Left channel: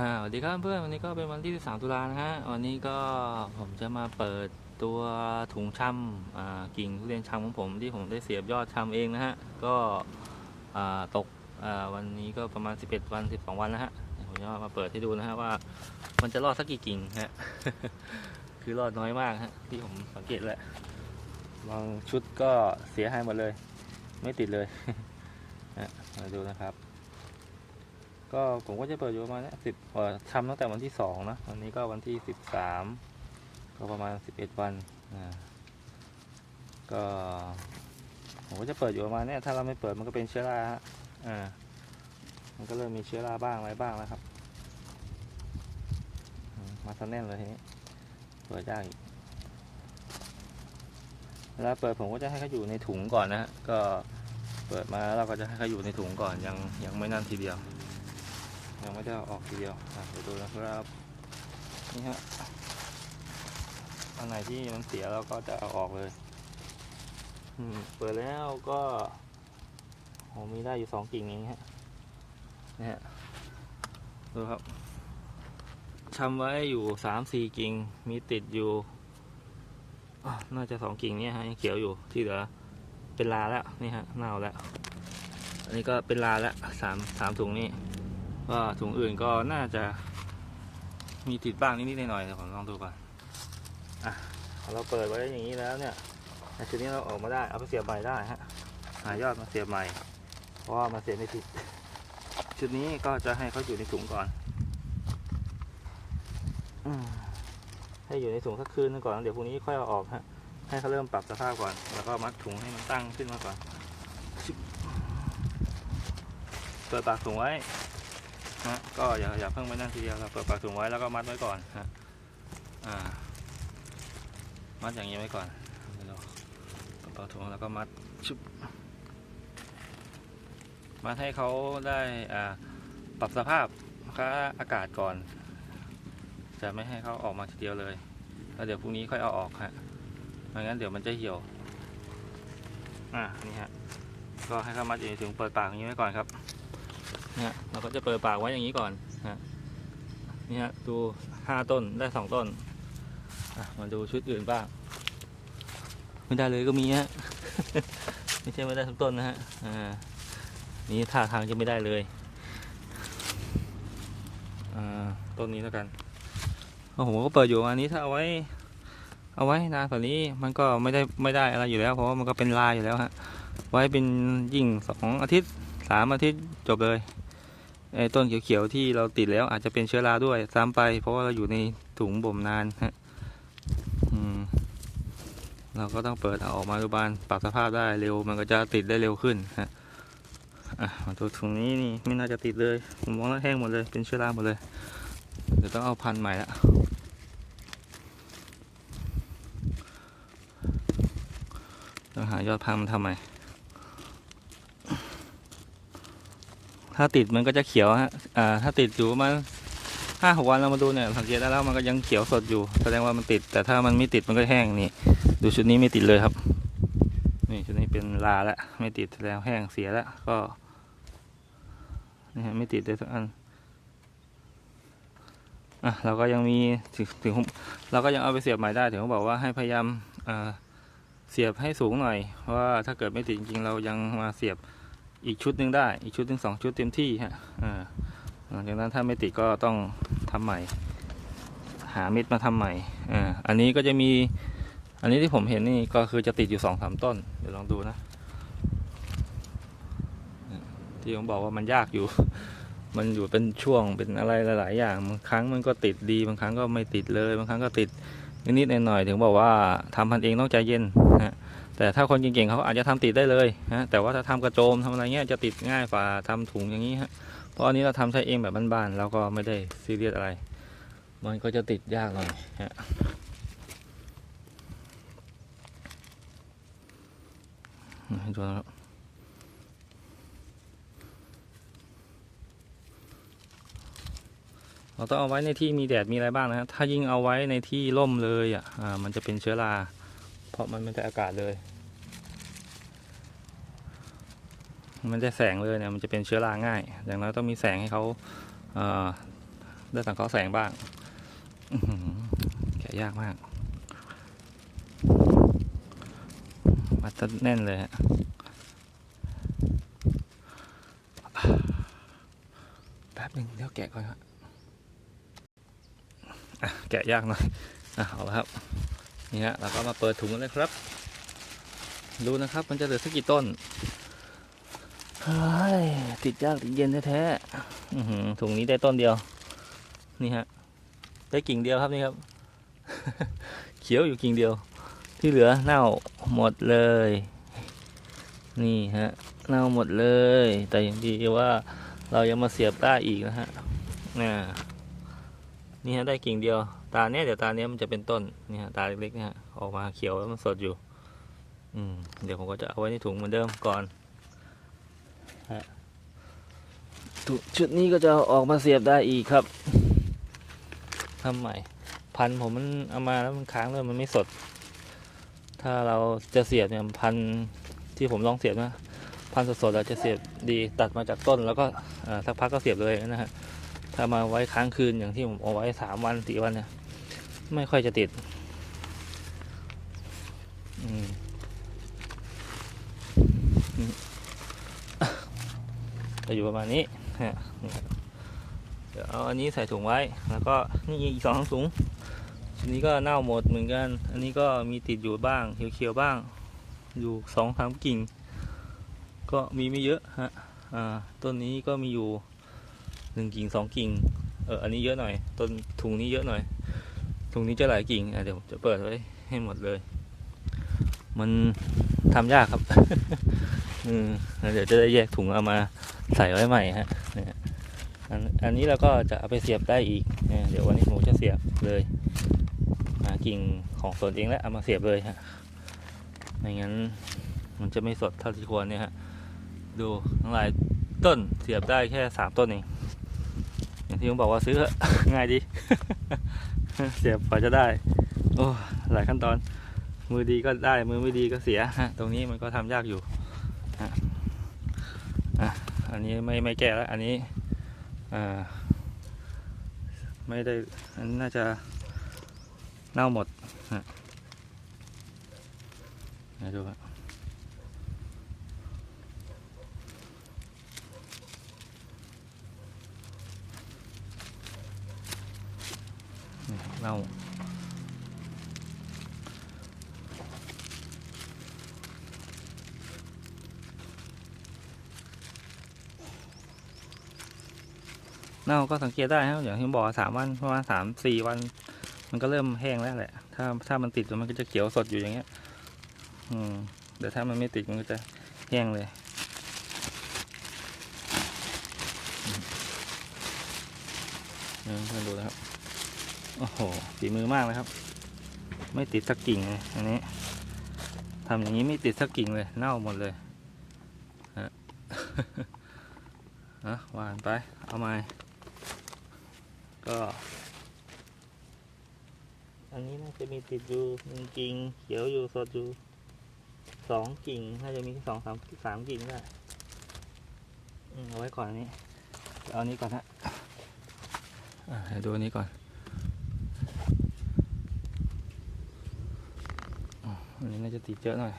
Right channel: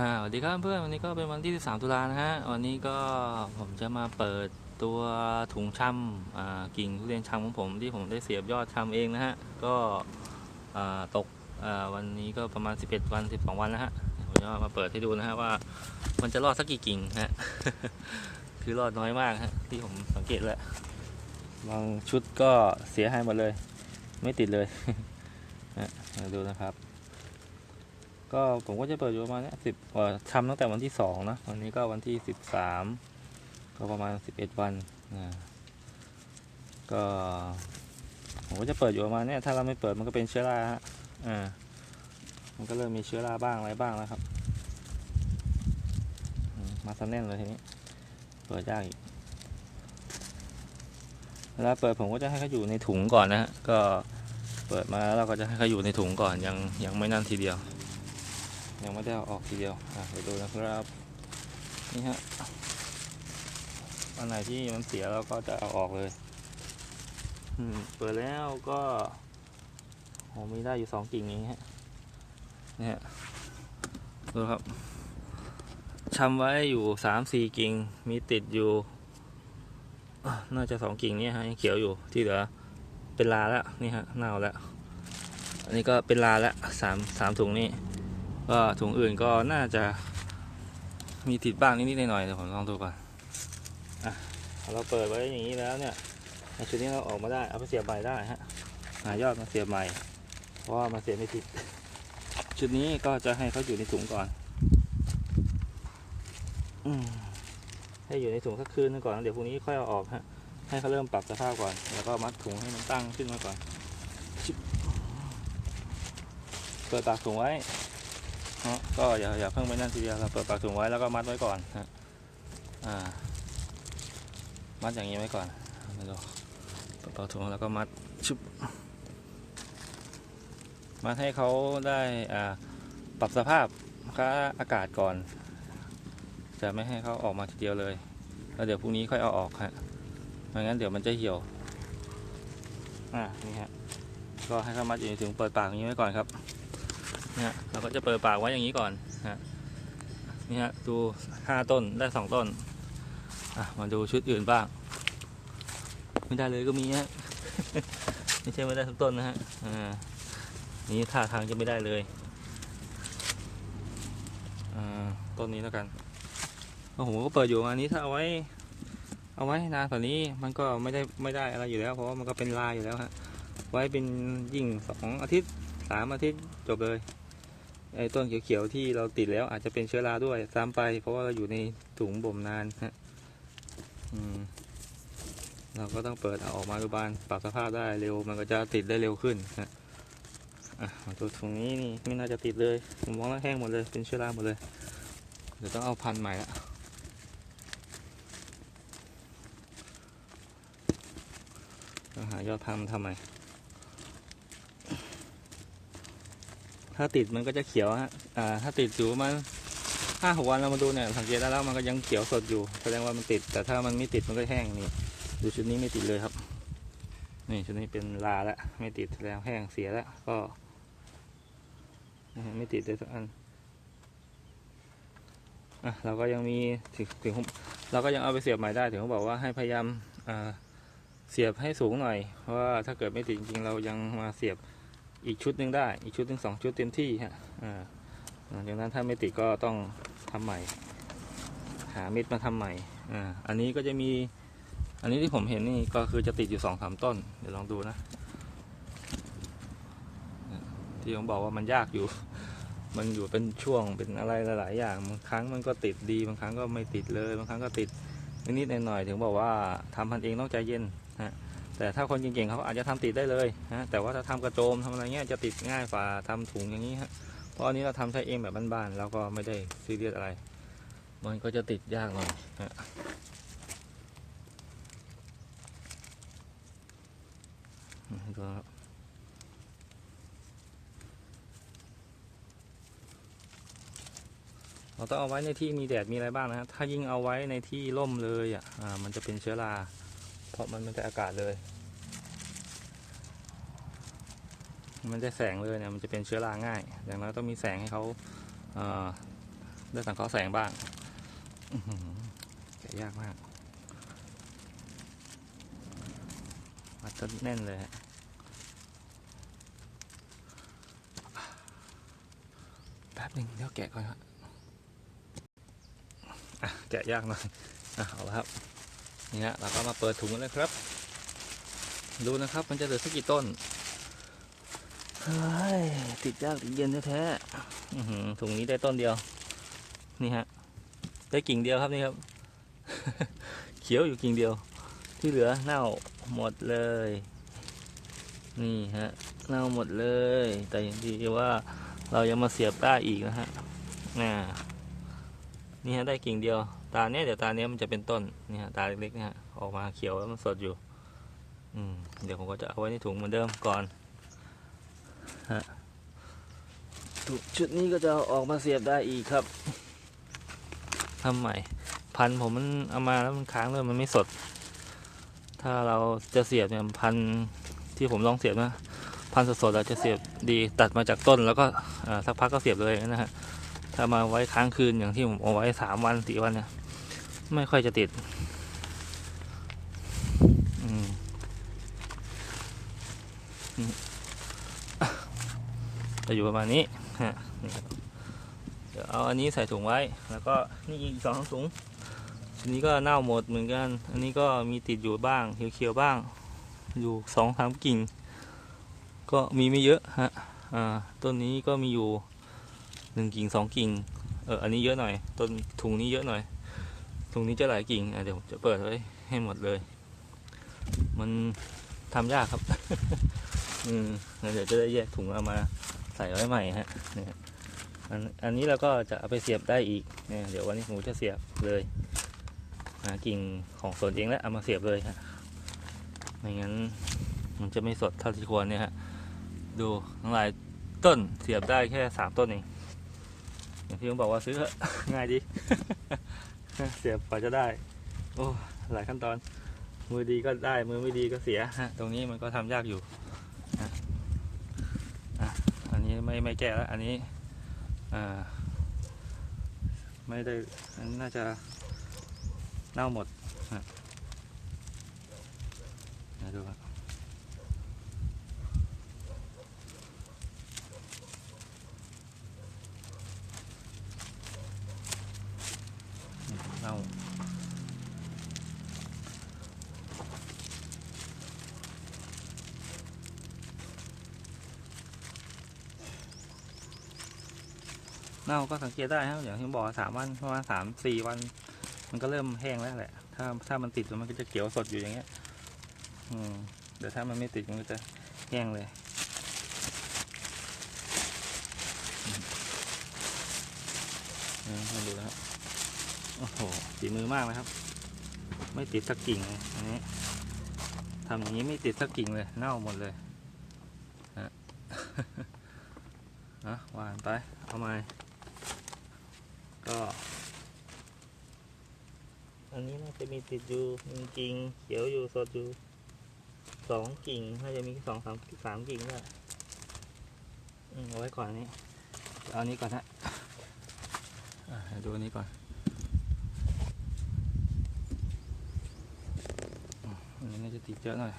อ่าสวัสดีครับเพื่อนวันนี้ก็เป็นวันที่ 13 ตุลานะฮะวันนี้ก็ผมจะมาเปิดตัวถุงช่ำอ่ากิ่งทุเรียนช่ำของผมที่ผมได้เสียบยอดช่ำเองนะฮะก็อ่าตกอ่าวันนี้ก็ประมาณ 11 วัน 12 วันแล้วฮะผมจะมาเปิดให้ดูนะฮะว่า มันจะรอดสักกี่กิ่งฮะคือรอดน้อยมากฮะที่ผมสังเกตแล้วลองชุดก็เสียหายหมดเลย ไม่ติดเลยมาดูนะครับ ก็ผมก็จะเปิดอยู่ประมาณเนี้สิบทำตั้งแต่วันที่สองนะวันนี้ก็วันที่สิบสามก็ประมาณสิบเอ็ดวันอ่าก็ผมก็จะเปิดอยู่ประมาณเนี้ยถ้าเราไม่เปิดมันก็เป็นเชื้อราฮะอ่ามันก็เริ่มมีเชื้อราบ้างอะไรบ้างแล้วครับ มาซะแน่นเลยทีนี้เปิดยากอีกเวลาเปิดผมก็จะให้เขาอยู่ในถุงก่อนนะฮะก็เปิดมาเราก็จะให้เขาอยู่ในถุงก่อนยังยังไม่นั่นทีเดียว ยังไม่ได้เอาออกทีเดียวอะไปดูนะครับนี่ฮะอันไหนที่มันเสียเราก็จะเอาออกเลยอืมเปิดแล้วก็โอ้มีได้อยู่สองกิ่งเองฮะเนี่ยดูครับชำไว้อยู่สามสี่กิ่งมีติดอยู่น่าจะสองกิ่งเนี่ยฮะยังเขียวอยู่ที่เหลือเป็นลาแล้วนี่ฮะเน่าแล้ว อันนี้ก็เป็นลาแล้วสามสามถุงนี่ ก็ถุงอื่นก็น่าจะมีติดบ้างนิดๆหน่อยๆผมลองดูก่อนอะเราเปิดไว้อย่างนี้แล้วเนี่ยชุดนี้เราออกมาได้เอาไปเสียบใหม่ได้ฮะหายอดมาเสียบใหม่เพราะว่ามาเสียบไม่ติดชุดนี้ก็จะให้เขาอยู่ในถุงก่อนอืมให้อยู่ในถุงสักคืนนึงก่อนเดี๋ยวพรุ่งนี้ค่อยเอาออกฮะให้เขาเริ่มปรับสภาพก่อน แล้วก็มัดถุงให้มันตั้งขึ้นมาก่อนเปิดปากถุงไว้ ฮะก็อย่าอย่าเพิ่งไปนั่นทีเดียวเราเปิดปากถุงไว้แล้วก็มัดไว้ก่อนฮะอ่า มัดอย่างนี้ไว้ก่อนมาดูเปิดปากถุงแล้วก็มัดชุบมัดให้เขาได้อ่าปรับสภาพค่าอากาศก่อน จะไม่ให้เขาออกมาทีเดียวเลยแล้วเดี๋ยวพรุ่งนี้ค่อยเอาออกฮะไม่งั้นเดี๋ยวมันจะเหี่ยว อ่านี่ฮะก็ให้เขามัดอยู่ในถุงเปิดปากอย่างนี้ไว้ก่อนครับ นะฮะเราก็จะเปิดปากไว้อย่างนี้ก่อนฮะนี่ฮะดูห้าต้นได้สองต้นมาดูชุดอื่นบ้าง ไม่ได้เลยก็มีฮะไม่ใช่ไม่ได้ทุกต้นนะฮะอ่านี่ท่าทางจะไม่ได้เลยอ่าต้นนี้แล้วกันโอ้โหก็เปิดอยู่อันนี้ถ้าเอาไว้ เอาไว้นานกว่านี้มันก็ไม่ได้ไม่ได้อะไรอยู่แล้ว เพราะมันก็เป็นลายอยู่แล้วฮะไว้เป็นยิ่งสองอาทิตย์สามอาทิตย์จบเลย ไอ้ต้นเขียวๆที่เราติดแล้วอาจจะเป็นเชื้อราด้วยซ้ำไป เพราะว่าเราอยู่ในถุงบ่มนานฮะเราก็ต้องเปิดเอาออกมาดูบานปรับสภาพได้เร็ว มันก็จะติดได้เร็วขึ้นฮะอะมาดูถุงนี้นี่ไม่น่าจะติดเลยผมมองแล้วแห้งหมดเลยเป็นเชื้อราหมดเลยเดี๋ยวต้องเอาพันใหม่ละต้องหายอดพันมันทำใหม่ ถ้าติดมันก็จะเขียวฮะอ่าถ้าติดอยู่มาห้าหกวันเรามาดูเนี่ยสังเกตได้แล้วมันก็ยังเขียวสดอยู่แสดงว่ามันติด แต่ถ้ามันไม่ติดมันก็แห้งนี่ ดูชุดนี้ไม่ติดเลยครับ นี่ชุดนี้เป็นลาแล้วไม่ติดแล้วแห้งเสียแล้วก็ไม่ติดเลยสักอันอะเราก็ยังมีถึงถึงเราก็ยังเอาไปเสียบใหม่ได้ถึงบอกว่าให้พยายามเสียบให้สูงหน่อยเพราะว่าถ้าเกิดไม่ติดจริงเรายังมาเสียบ อีกชุดหนึ่งได้ อีกชุดหนึ่งสองชุดเต็มที่ฮะหลังจากนั้นถ้าไม่ติดก็ต้องทำใหม่ หาเม็ดมาทำใหม่อ่าอันนี้ก็จะมี อันนี้ที่ผมเห็นนี่ก็คือจะติดอยู่สองสามต้น เดี๋ยวลองดูนะ ที่ผมบอกว่ามันยากอยู่ มันอยู่เป็นช่วงเป็นอะไรหลาย ๆ อย่าง บางครั้งมันก็ติดดี บางครั้งก็ไม่ติดเลย บางครั้งก็ติดนิดๆหน่อยๆถึงบอกว่าทำพันเองต้องใจเย็นนะ แต่ถ้าคนเก่งๆเขาอาจจะทำติดได้เลยนะแต่ว่าถ้าทำกระโจมทำอะไรเงี้ยจะติดง่ายกว่าทำถุงอย่างนี้ฮะเพราะอันนี้เราทำใช้เองแบบบ้านๆเราก็ไม่ได้ซีเรียสอะไร มันก็จะติดยากหน่อยฮะให้ดูนะครับเราต้องเอาไว้ในที่มีแดดมีอะไรบ้างนะถ้ายิ่งเอาไว้ในที่ร่มเลยอะอ่ามันจะเป็นเชื้อรา ราะมันไม่ได้อากาศเลย มันได้แสงเลยเนี่ยมันจะเป็นเชื้อราง่ายดังนั้นต้องมีแสงให้เขาเอ่อได้สังเคราะห์แสงบ้างแกะยากมากมัดซะแน่นเลยฮะแป๊บหนึงเดี๋ยวแกะก่อนฮะอะแกะยากหน่อยอะเอาละครับ นี่ฮะเราก็มาเปิดถุงกันเลยครับ ดูนะครับ มันจะเหลือสักกี่ต้นเฮ้ยติดยากติดเย็นแท้ๆถุงนี้ได้ต้นเดียว นี่ฮะ ได้กิ่งเดียวครับนี่ครับ เขียวอยู่กิ่งเดียว ที่เหลือเน่าหมดเลย นี่ฮะ เน่าหมดเลย แต่อยังดีว่าเรายังมาเสียบได้อีกนะฮะ น่ะนี่ฮะได้กิ่งเดียว ตาเนี้ยเดี๋ยวตาเนี้ยมันจะเป็นต้นนี่ฮะตาเล็กๆนะฮะออกมาเขียวแล้วมันสดอยู่ อืมเดี๋ยวผมก็จะเอาไว้ในถุงเหมือนเดิมก่อนฮะถุงชุดนี้ก็จะเอาออกมาเสียบได้อีกครับทำใหม่ พันธุ์ผมมันเอามาแล้วมันค้างเลยมันไม่สด ถ้าเราจะเสียบเนี่ยพันธุ์ที่ผมลองเสียบนะพันธุ์สดๆเราจะเสียบดีตัดมาจากต้น แล้วก็อ่าสักพักก็เสียบเลยนะฮะถ้ามาไว้ค้างคืนอย่างที่ผมเอาไว้สามวันสี่วันเนี่ย ไม่ค่อยจะติดจะอยู่ประมาณนี้ฮะเดี๋ยวเอาอันนี้ใส่ถุงไว้ แล้วก็นี่อีกสองถุงอันนี้ก็เน่าหมดเหมือนกัน อันนี้ก็มีติดอยู่บ้างเขียวๆบ้าง อยู่สองสามกิ่ง ก็มีไม่เยอะฮะ อ่า ต้นนี้ก็มีอยู่หนึ่งกิ่งสองกิ่ง เออ อันนี้เยอะหน่อย ต้นถุงนี้เยอะหน่อย ถุงนี้จะหลายกิ่งเดี๋ยวผมจะเปิดไว้ให้หมดเลย มันทำยากครับอืมเดี๋ยวจะได้แยกถุงเอามาใส่ไว้ใหม่ฮะอันอันนี้เราก็จะเอาไปเสียบได้อีกเดี๋ยววันนี้ผมจะเสียบเลยหากิ่งของสวนเองแล้วเอามาเสียบเลยฮะไม่งั้นมันจะไม่สดเท่าที่ควรเนี่ยฮะดูทั้งหลายต้นเสียบได้แค่สามต้นเองอย่างที่ผมบอกว่าซื้อง่ายดี เสียบกว่าจะได้ โอ้หลายขั้นตอน มือดีก็ได้มือไม่ดีก็เสียตรงนี้มันก็ทำยากอยู่อันนี้ไม่ไม่แก้แล้ว อันนี้อไม่ได้อันน่าจะเน่าหมดฮะดูครับนี่เน่า เน่าก็สังเกตได้ครับอย่างที่บอกสามวันประมาณสามสี่วัน มันก็เริ่มแห้งแล้วแหละ ถ้าถ้ามันติดมันก็จะเขียวสดอยู่อย่างเงี้ย อืมแต่ถ้ามันไม่ติดมันก็จะแห้งเลยนี่มาดูนะครับโอ้โหฝีมือมากนะครับ ไม่ติดสักกิ่งเลยอันนี้ทำอย่างนี้ไม่ติดสักกิ่งเลยเน่าหมดเลยฮะนะวานไป เอามา ก็อันนี้น่าจะมีติดอยู่หนึ่งกิ่งเขียวอยู่สดอยู่สองกิ่งน่าจะมีสองสามสามกิ่งด้เอาไว้ก่อนนี้ เอาอันนี้ก่อนฮะดูอันนี้ก่อนอันนี้น่าจะติดเยอะหน่อย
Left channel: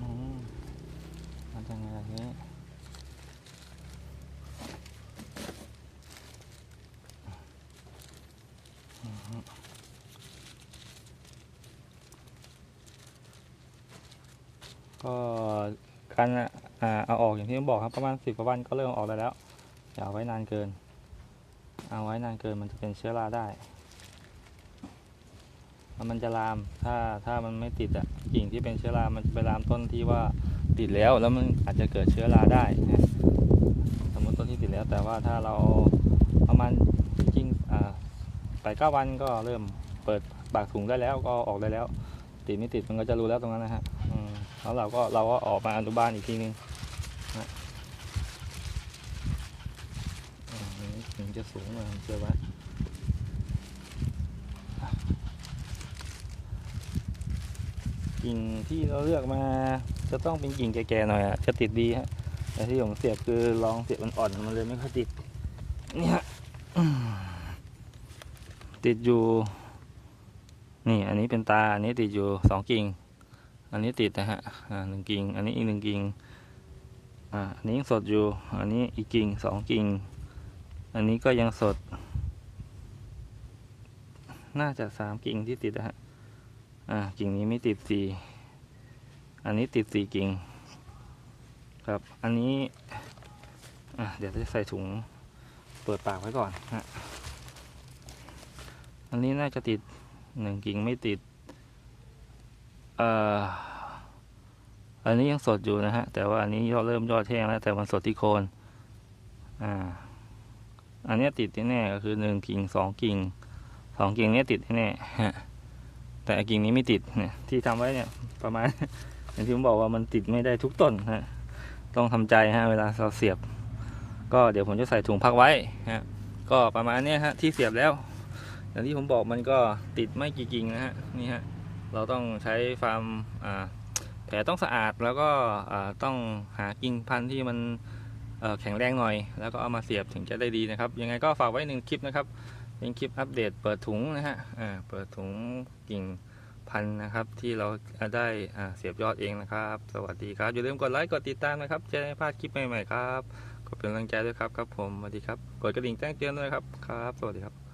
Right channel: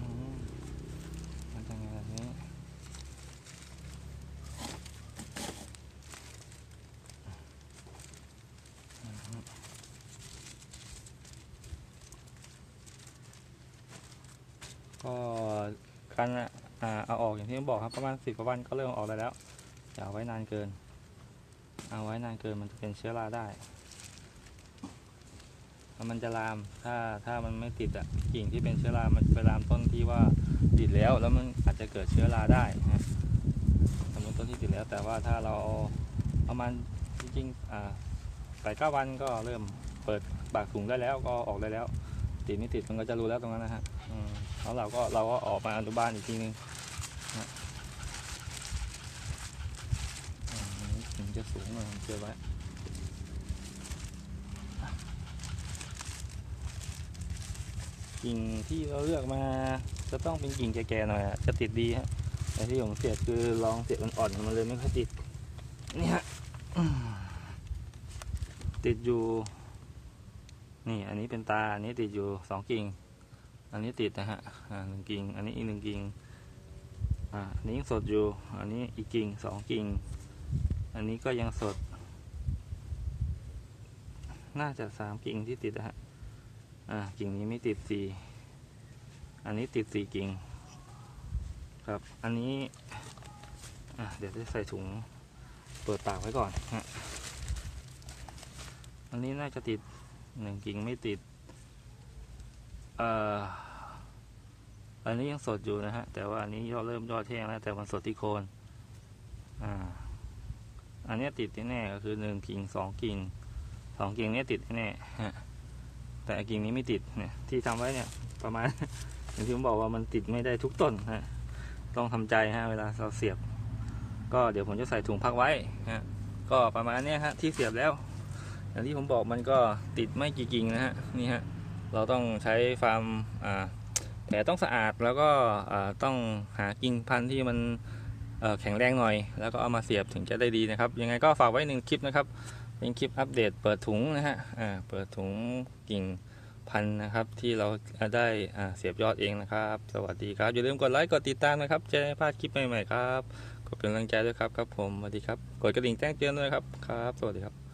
อืมมันต้องอย่างนี้ ก็ การอ่าเอาออกอย่างที่ผมบอกครับประมาณสิบกว่าวันก็เริ่มออกได้แล้วอย่าไว้นานเกิน เอาไว้นานเกินมันจะเป็นเชื้อราได้มันจะลามถ้าถ้ามันไม่ติดอะกิ่งที่เป็นเชื้อรา มันจะไปลามต้นที่ว่าติดแล้วแล้วมันอาจจะเกิดเชื้อราได้นะสมมติต้นที่ติดแล้วแต่ว่าถ้าเราประมาณจริงๆอ่าไปเก้าวันก็เริ่มเปิดปากถุงได้แล้วก็ออกได้แล้ว ติดไม่ติดมันก็จะรู้แล้วตรงนั้นนะฮะอื แล้วเราก็เราก็ออกมาอนุบาลอีกทีนึงนะถึงจะสูงหน่อยเจอไว้กิ่งที่เราเลือกมาจะต้องเป็นกิ่งแก่ๆหน่อยอะจะติดดีฮะแต่ที่ผมเสียบคือลองเสียบอ่อนๆมันเลยไม่ค่อยติดเนี่ยอืมติดอยู่ นี่อันนี้เป็นตา อันนี้ติดอยู่สองกิ่ง อันนี้ติดนะฮะหนึ่งกิ่ง อันนี้อีกหนึ่งกิ่ง อ่าอันนี้ยังสดอยู่ อันนี้อีกกิ่งสองกิ่ง อันนี้ก็ยังสด น่าจะสามกิ่งที่ติดนะฮะ อ่า กิ่งนี้ไม่ติดสี่ อันนี้ติดสี่กิ่ง ครับ อันนี้ อะเดี๋ยวจะใส่ถุง เปิดปากไว้ก่อนฮะ อันนี้น่าจะติดหนึ่งกิ่งไม่ติด อันนี้ยังสดอยู่นะฮะ แต่ว่าอันนี้ยอดเริ่มยอดแห้งแล้วแต่มันสดที่โคนอ่าอันนี้ติดแน่ๆก็คือหนึ่งกิ่งสองกิ่งสองกิ่งเนี้ยติดแน่ๆฮะแต่กิ่งนี้ไม่ติดเนี่ย ที่ทำไว้เนี่ยประมาณอย่างที่ผมบอกว่ามันติดไม่ได้ทุกต้นฮะต้องทำใจฮะเวลาเราเสียบ ก็เดี๋ยวผมจะใส่ถุงพักไว้ฮะก็ประมาณเนี้ยฮะที่เสียบแล้ว อย่างที่ผมบอกมันก็ติดไม่กี่กิ่งนะฮะนี่ฮะ เราต้องใช้ฟาร์มแผลต้องสะอาดแล้วก็ต้องหากิ่งพันธุ์ที่มันแข็งแรงหน่อย แล้วก็เอามาเสียบถึงจะได้ดีนะครับ ยังไงก็ฝากไว้หนึ่งคลิปนะครับ เป็นคลิปอัปเดตเปิดถุงนะฮะเปิดถุงกิ่งพันธุ์นะครับ ที่เราได้เสียบยอดเองนะครับ สวัสดีครับ อย่าลืมกดไลค์กดติดตามนะครับจะได้ไม่พลาดคลิปใหม่ๆครับกดเป็นกำลังใจด้วยครับครับผมสวัสดีครับ กดกระดิ่งแจ้งเตือนด้วยครับครับ สวัสดีครับ